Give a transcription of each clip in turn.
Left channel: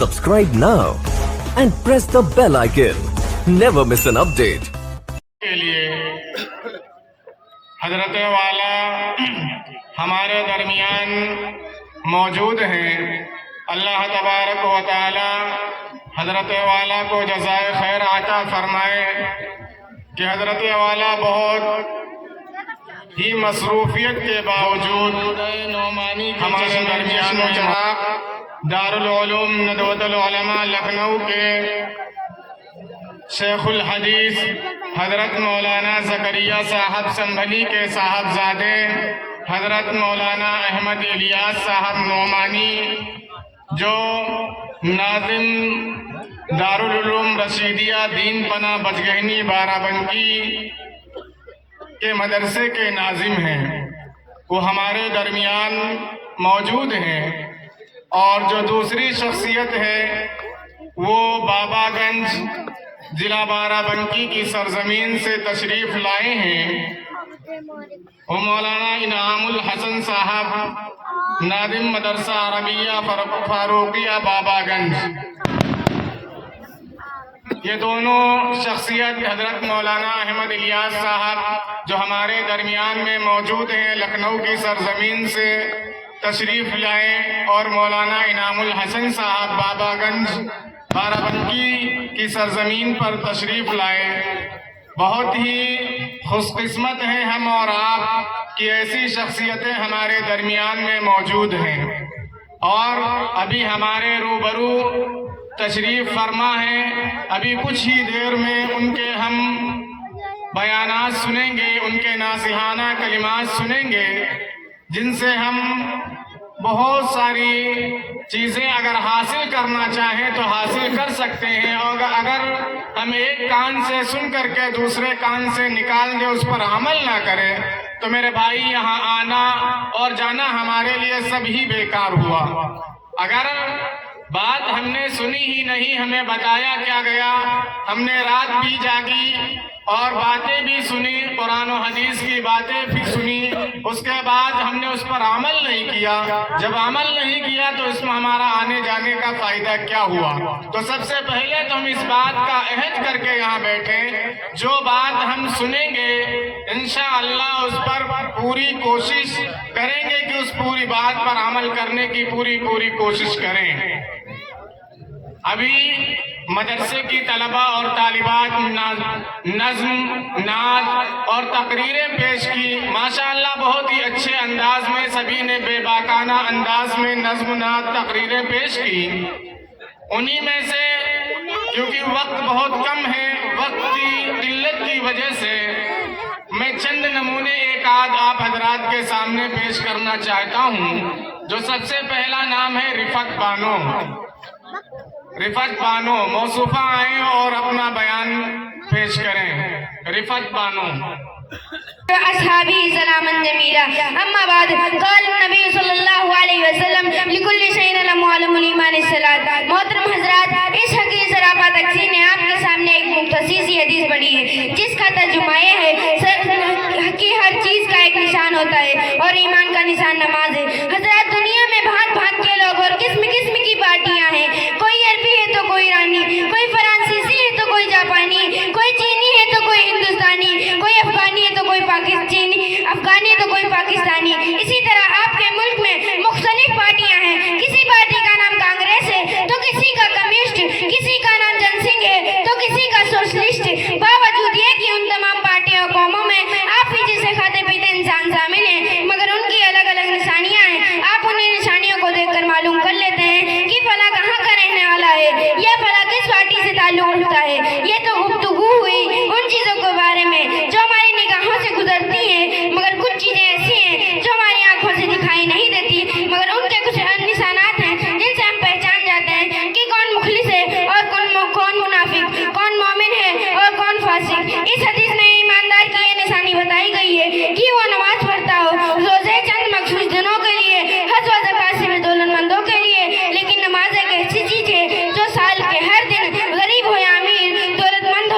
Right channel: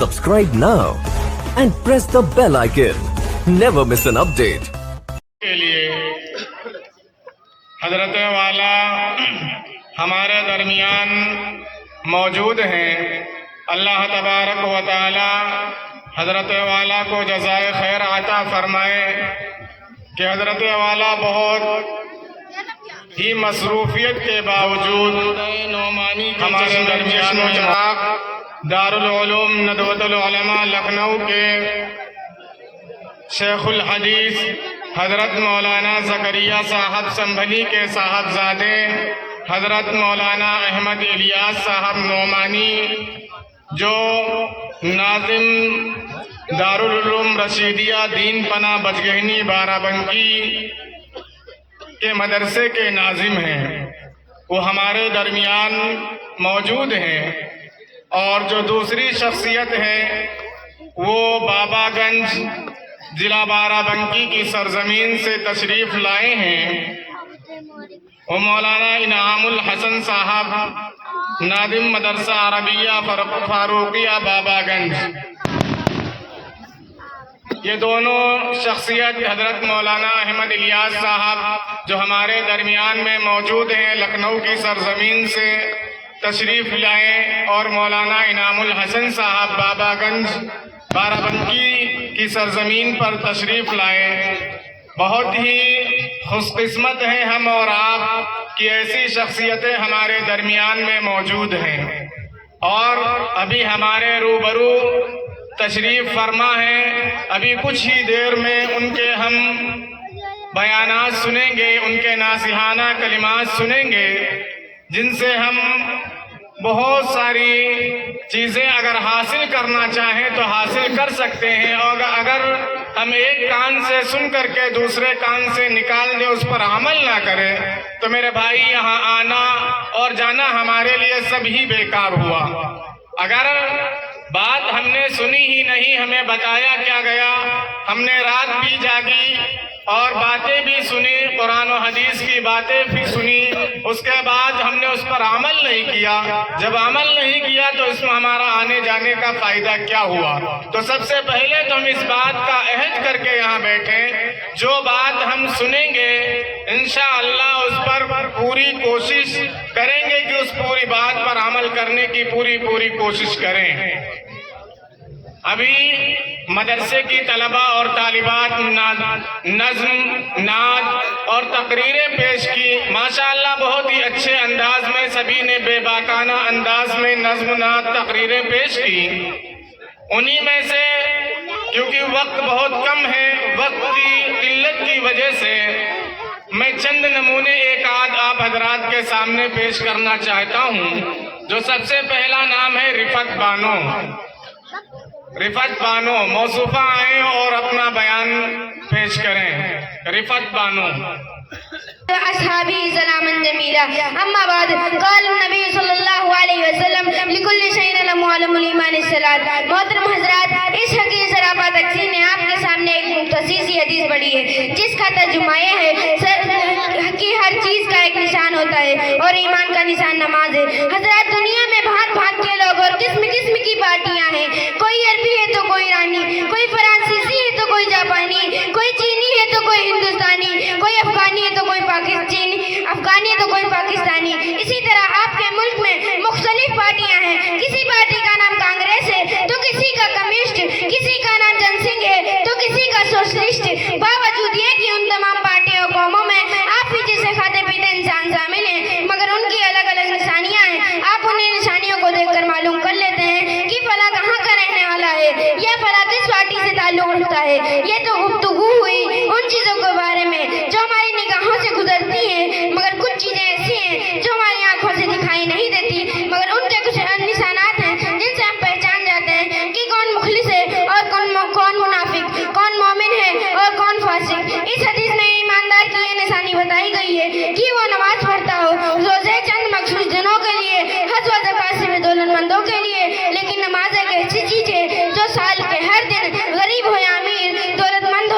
Subscribe now and press the bell icon. Never miss an update. کے لیے حضرت والا ہمارے درمیان موجود ہیں. اللہ تبارک و تعالی حضرت والا کو جزائے خیر عطا فرمائے کہ حضرت والا بہت ہی مصروفیت کے باوجود ہمارے درمیان دارالعلوم ندوۃ العلماء لکھنؤ کے شیخ الحدیث حضرت مولانا زکریا صاحب سنبھلی کے صاحبزادے حضرت مولانا احمد الیاس صاحب نعمانی جو ناظم دارالعلوم رشیدیہ دین پناہ بجگہنی بارہ بنکی کے مدرسے کے ناظم ہیں، وہ ہمارے درمیان موجود ہیں. اور جو دوسری شخصیت ہے وہ بابا گنج ضلع بارہ بنکی کی سرزمین سے تشریف لائے ہیں. وہ مولانا انعام الحسن صاحب ناظم مدرسہ عربیہ فاروقیہ بابا گنج. یہ دونوں شخصیت حضرت مولانا احمد الیاس صاحب جو ہمارے درمیان میں موجود ہیں لکھنؤ کی سرزمین سے تشریف لائے، اور مولانا انعام الحسن صاحب بابا گنج بارہ بنکی کی سرزمین پر تشریف لائے. بہت ہی خوش قسمت ہیں ہم اور آپ کہ ایسی شخصیتیں ہمارے درمیان میں موجود ہیں. اور ابھی ہمارے روبرو تشریف فرما ہیں. ابھی کچھ ہی دیر میں ان کے ہم بیانات سنیں گے، ان کے ناصحانہ کلمات سنیں گے، جن سے ہم بہت ساری چیزیں اگر حاصل کرنا چاہیں تو حاصل کر سکتے ہیں. اور اگر ہم ایک کان سے سن کر کے دوسرے کان سے نکال دیں، اس پر عمل نہ کریں، تو میرے بھائی یہاں آنا اور جانا ہمارے لیے سب ہی بیکار ہوا. اگر بات ہم نے سنی ہی نہیں، ہمیں بتایا کیا گیا، ہم نے رات بھی جاگی اور باتیں بھی سنی، قرآن و حدیث کی باتیں بھی سنی، اس کے بعد ہم نے اس پر عمل نہیں کیا. جب عمل نہیں کیا تو اس میں ہمارا آنے جانے کا فائدہ کیا ہوا؟ تو سب سے پہلے تو ہم اس بات کا عہد کر کے یہاں بیٹھے، جو بات ہم سنیں گے انشاءاللہ اس پر پوری کوشش کریں گے کہ اس پوری بات پر عمل کرنے کی پوری کوشش کریں. ابھی مدرسے کی طلبہ اور طالبات نظم، نعت اور تقریریں پیش کی. ماشاءاللہ بہت ہی اچھے انداز میں سبھی نے بے باکانہ انداز میں نظم، نعت، تقریریں پیش کی. انہی میں سے کیونکہ وقت بہت کم ہے، وقت کی قلت کی وجہ سے میں چند نمونے ایک آدھ آپ حضرات کے سامنے پیش کرنا چاہتا ہوں. جو سب سے پہلا نام ہے رفعت بانو. رفعت بانو موصوفہ آئیں اور اپنا بیان پیش کریں. رفعت بانو. اصحابی سلاما جمیلا. اما بعد قال النبی صلی اللہ علیہ وسلم لکل شیء له معلم الایمان الصلاۃ. محترم حضرات، اس حقیقی سراپا تقسیم نے آپ کے سامنے ایک مختصر سی حدیث پڑھی ہے جس کا ترجمہ یہ ہے کہ ہر چیز کا ایک نشان ہوتا ہے اور ایمان کا نشان نماز ہے. حضرات، دنیا میں بھانت بھانت کے لوگ اور قسم قسم کی پارٹیاں ہیں. کوئی عربی ہے تو کوئی ایرانی، کوئی فرانسیسی ہے تو کوئی جاپانی، کوئی چینی ہے تو کوئی ہندوستانی، کوئی افغانی ہے تو کوئی افغانی ہے تو کوئی پاکستانی. اسی طرح آپ کے ملک میں مختلف پارٹیاں ہیں. کسی پارٹی کا نام کانگریس ہے تو کسی کا کمیونسٹ، کسی کا نام جن سنگھ ہے تو کسی کا سوشلسٹ. باوجود یہ کہ ان تمام پارٹیوں قوموں میں آپ ہی جیسے کھاتے پیتے انسان شامل ہیں، مگر ان کی الگ الگ نشانیاں ہیں. آپ انہیں نشانیوں کو دیکھ کر معلوم کر لیتے ہیں کہ فلاں کہاں کا رہنے والا ہے یا فلاں کس پارٹی سے تعلق رکھتا ہے. یہ تو گفتگو ہوئی ان چیزوں کے بارے میں جو ہماری نگاہوں سے گزرتی ہیں، مگر کچھ چیزیں ایسی ہیں جو ہماری آنکھوں سے دکھائی نہیں دیتی، مگر ان کے کچھ نشانات ہیں جن سے ہم پہچان جاتے ہیں کہ کون مخلص ہے اور کون منافق، کون مومن ہے اور کون فاسق. اس حدیث میں ایماندار کی یہ نشانی بتائی گئی ہے کہ وہ نماز پڑھتا ہو روزے چند مخصوص دنوں کے لیے، حج و زکات سے دولت مندوں کے لیے. لیکن نماز ایک ایسی چیز ہے جو سال کے ہر دن غریب ہو یا امیر، دولت مند ہو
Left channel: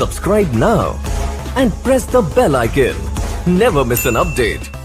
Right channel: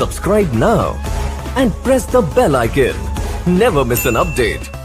Subscribe now and press the bell icon. Never miss an update.